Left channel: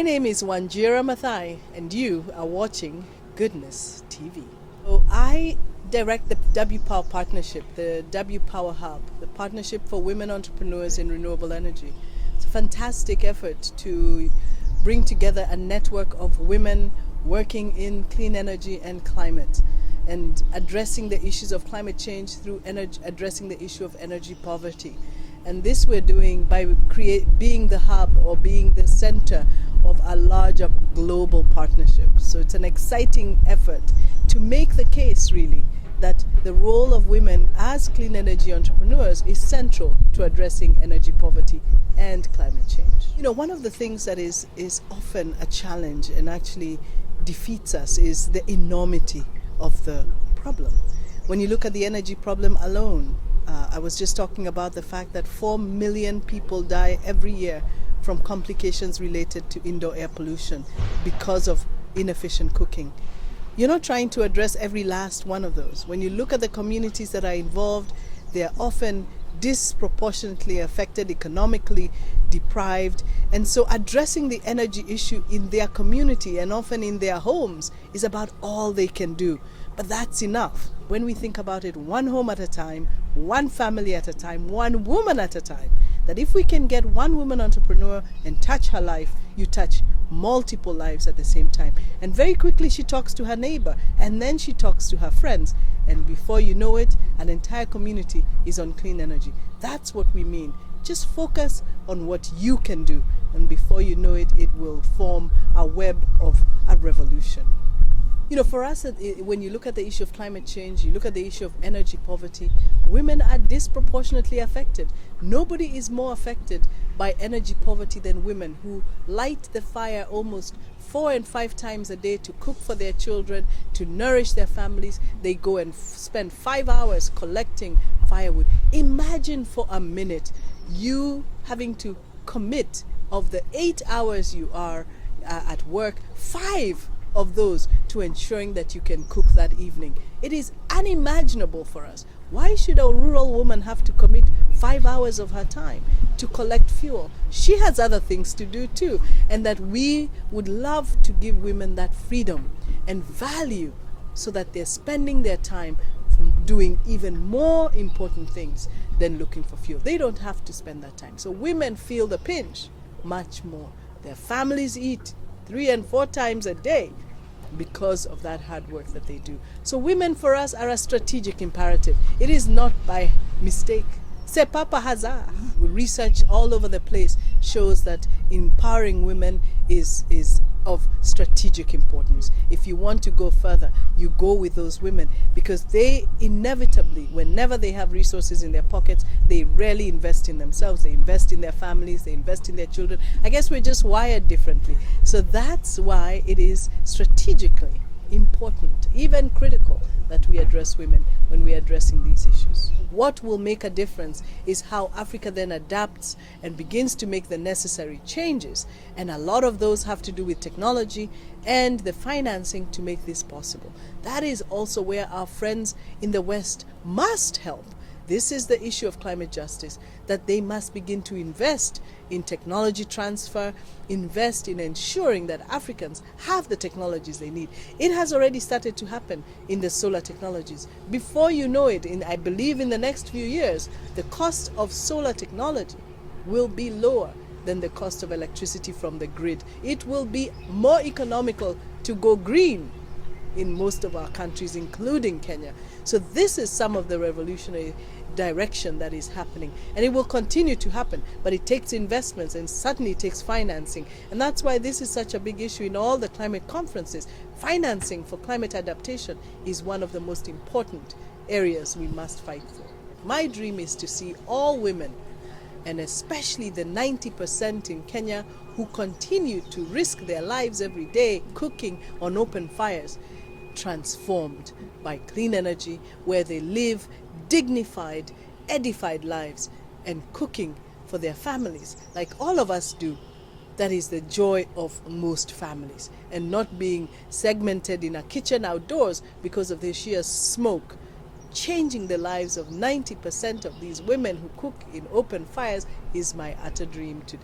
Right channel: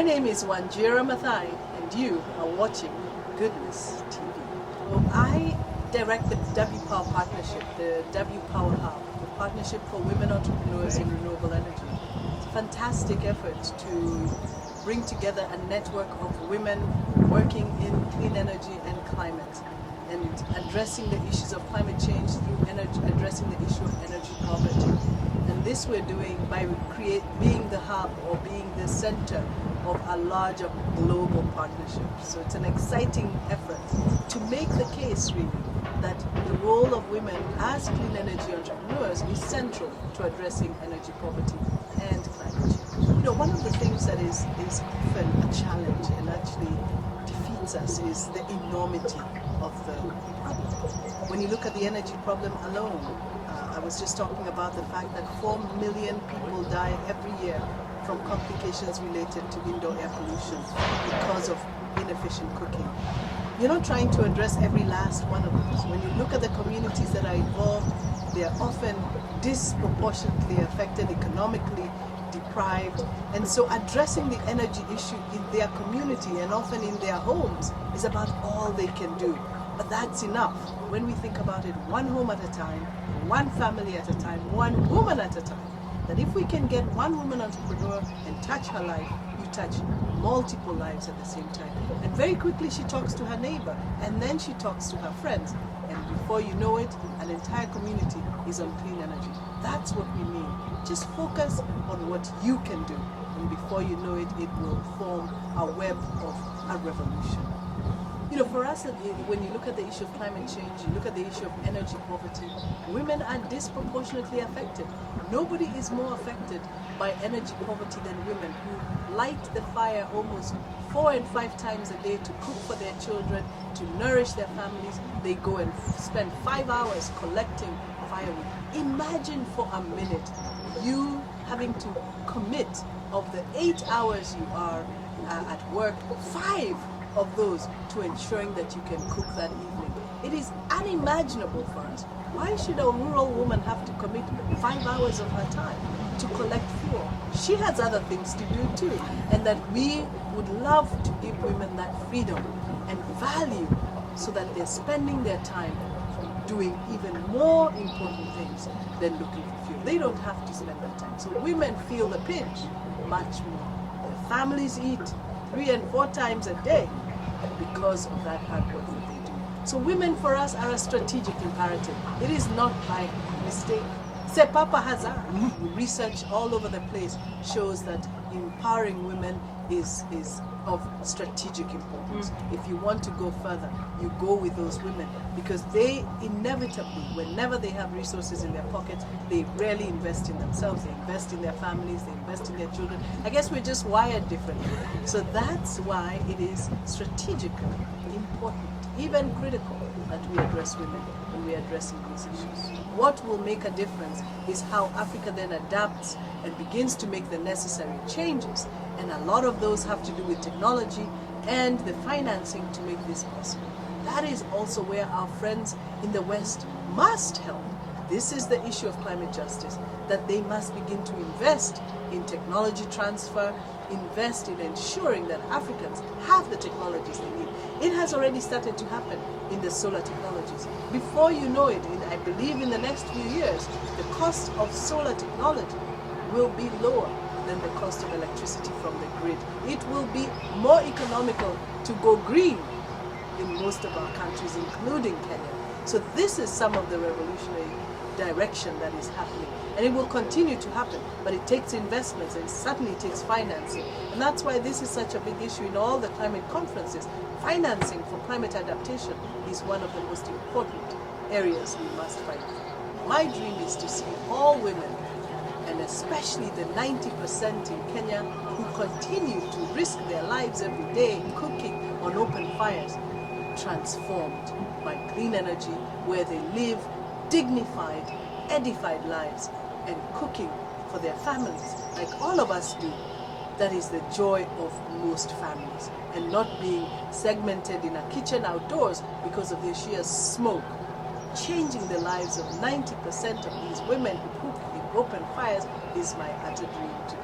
My name is Wanjira Mathai, and you are watching Goodness TV. So I direct the W Power Partnership, the W Power Hub, the Partnership for Women Entrepreneurs in Renewable Energy. It's a fantastic effort to bring together a network of women working in clean energy and climate, and addressing the issues of climate change through addressing the issue of energy poverty. And this we're doing by being the hub or being the center of a larger global partnership. So it's an exciting effort to make the case really that the role of women as clean energy entrepreneurs is central to addressing energy poverty and climate change. You know, one of the things that is often a challenge and actually defeats us is the enormity of the problem. When you look at the energy problem alone, I was just talking about the fact that 4 million people die every year from complications related to indoor air pollution because of inefficient cooking. You're not trying to address every last one of those. When you look at the communities that are involved, they're often disproportionately affected, economically deprived, and so addressing the energy issue in their community and often in their homes is about all they can do. But that's enough. When we think about it, one home at a time, one family at a time, one woman at a time, that if we can get one woman entrepreneur and touch her life, you touch multiple lives at the same time. And very quickly she talks to her neighbor, and then she talks to her friends, and before you know it, an entire community is on clean energy. That's what we mean. Just focus on what you can do, and before you know it, it will form a web of a revolution. You know, for us, when you look at the issue of climate change, you look at the issue of energy poverty, women are disproportionately affected. Nobody is more affected by energy poverty than women, who light the fire almost 4 and 5 times a day to cook for their children, to nourish their families. They go and spend 5 hours collecting firewood. Imagine for a minute you having to commit of the 8 hours you are at work, 5 of those to ensuring that you can cook that evening. It is unimaginable for us. Why should a rural woman have to commit 5 hours of her time to collect fuel? She has other things to do too, and that we would love to give women that freedom and value so that they're spending their time from doing even more important things than looking for fuel. They don't have to spend that time. So women feel the pinch much more. Their families eat 3 and 4 times a day because of that hard work that they do. So women for us are a strategic imperative. It is not by mistake. C'est pas par hasard. Research all over the place shows that empowering women is of strategic importance. If you want to go further, you go with those women, because they inevitably, whenever they have resources in their pockets, they rarely invest in themselves. They invest in their families, they invest in their children. I guess we're just wired differently. So that's why it is strategically important, even critical, that we address women when we're addressing these issues. What will make a difference is how Africa then adapts and begins to make the necessary changes. And a lot of those have to do with technology and the financing to make this possible. That is also where our friends in the West must help. This is the issue of climate justice, that they must begin to invest in technology transfer, invest in ensuring that Africans have the technologies they need. It has already started to happen in the solar technologies. Before you know it, I believe in the next few years, the cost of solar technology will be lower than the cost of electricity from the grid. It will be more economical to go green in most of our countries, including Kenya. So this is some of the revolutionary direction that is happening, and it will continue to happen, but it takes investments and certainly takes financing. And that's why this is such a big issue in all the climate conferences. Financing for climate adaptation is one of the most important areas we must fight for. My dream is to see all women, and especially the 90% in Kenya who continue to risk their lives every day cooking on open fires, transformed by clean energy, where they live dignified, edified lives and cooking for their families like all of us do. That is the joy of most families, and not being segmented in a kitchen outdoors because of the sheer smoke. Changing the lives of 90% of these women who cook in open fires is my utter dream today.